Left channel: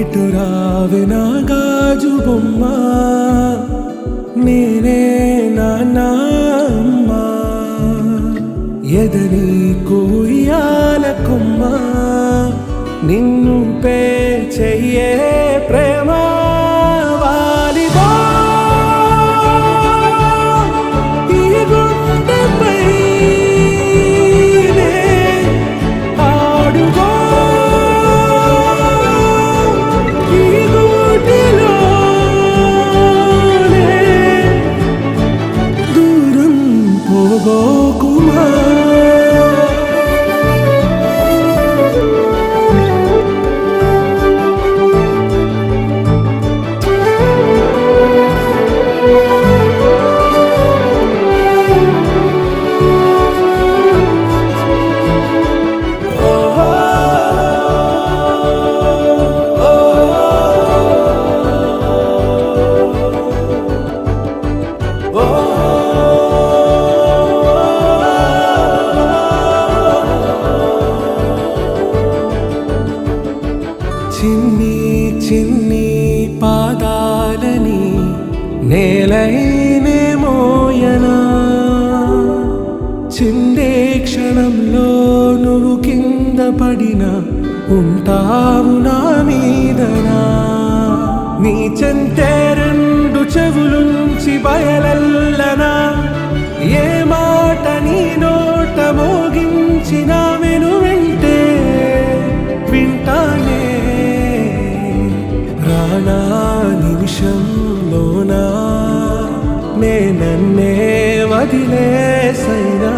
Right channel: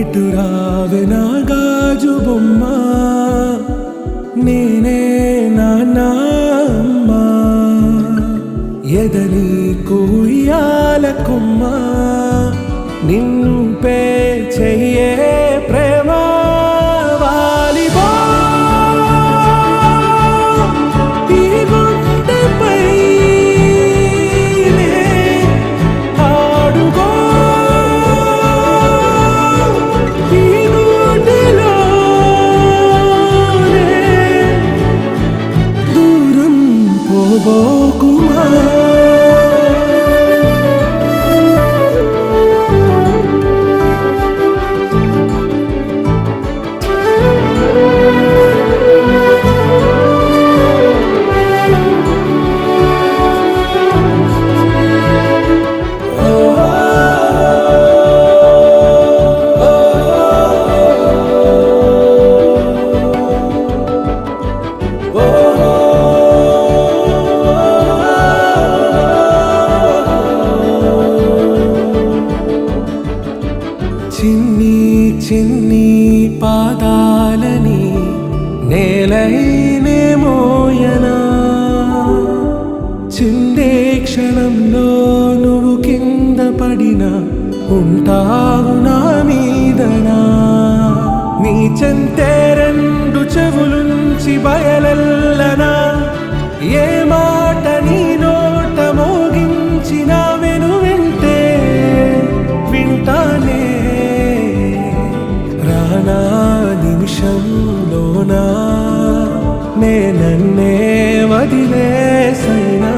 ఇటు రావే నా గాజు బొమ్మ, నేనే నాన్న అమ్మ. ఎదని కుయ్యాల కొమ్మ, నిన్ను పే చెయ్యే ప్రేమ వాలిబో. ఈ గుండెపై నే ఆడుగో, ఈ గూటిలోనే దూరం పోబోకుమా. చిన్ని చిన్ని పాదాలని నేలైనే మోయనా, చిందే క్షణంలో నువ్వు కింద పడినా ఉంటావు నా మీదనా. నీ చెంతే రెండు చెవులుంచి బయలెల్లనా, ఏ మాట నీ నోట మోగించిన వెను వింటే వింటానే. రానా నిమిషంలోనా నే నన్నే వదిలేసైనా.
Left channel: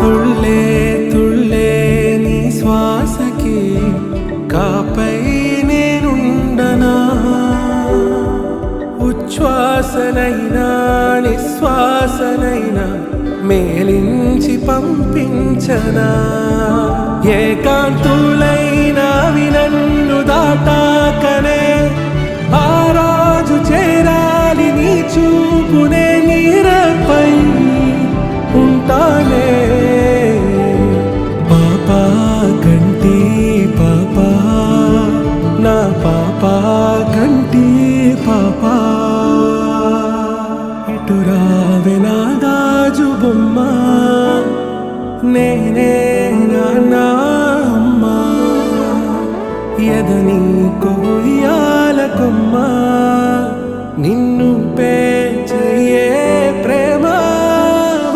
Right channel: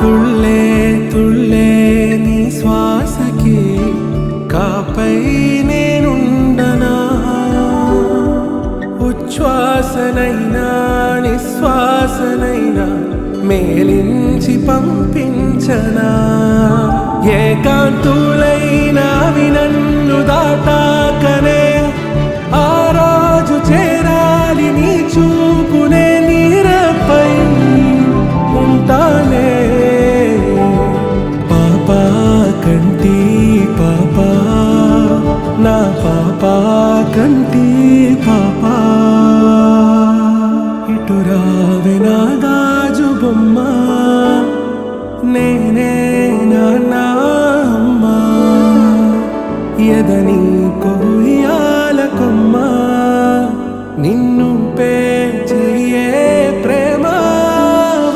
తుళ్ళే తుళ్ళే నీ శ్వాసకి కాపై నేనుండనా, ఉచ్ఛ్వాసనైనా నిశ్వాసనైనా మేలించి పంపించనా. ఏకాంతులైనవి నన్ను దాటాకనే ఆ రాజు చేరాలి నీ చూపునే నీరపై ఉంటానే. పాపా కంటి పాపా, నా పాపా కంటి పాపా. ఇటు రావే నా గాజు బొమ్మ, నేనే నాన్న అమ్మ. ఎదని కొయ్యాల కొమ్మ, నిన్ను పే చెయ్యే ప్రేమ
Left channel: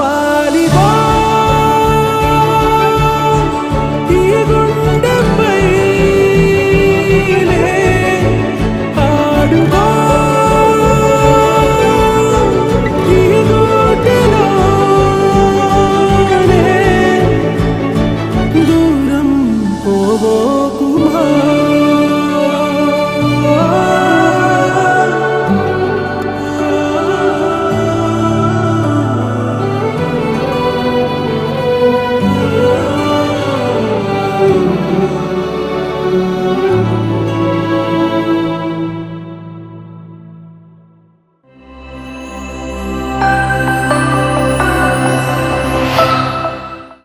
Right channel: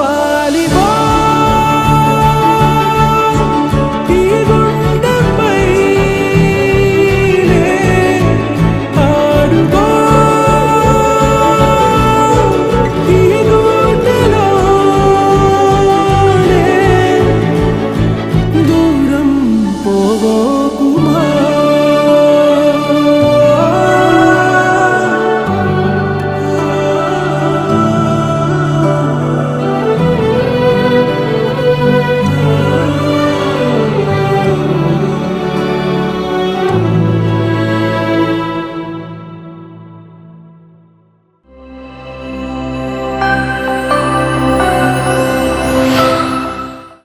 వాలిబో.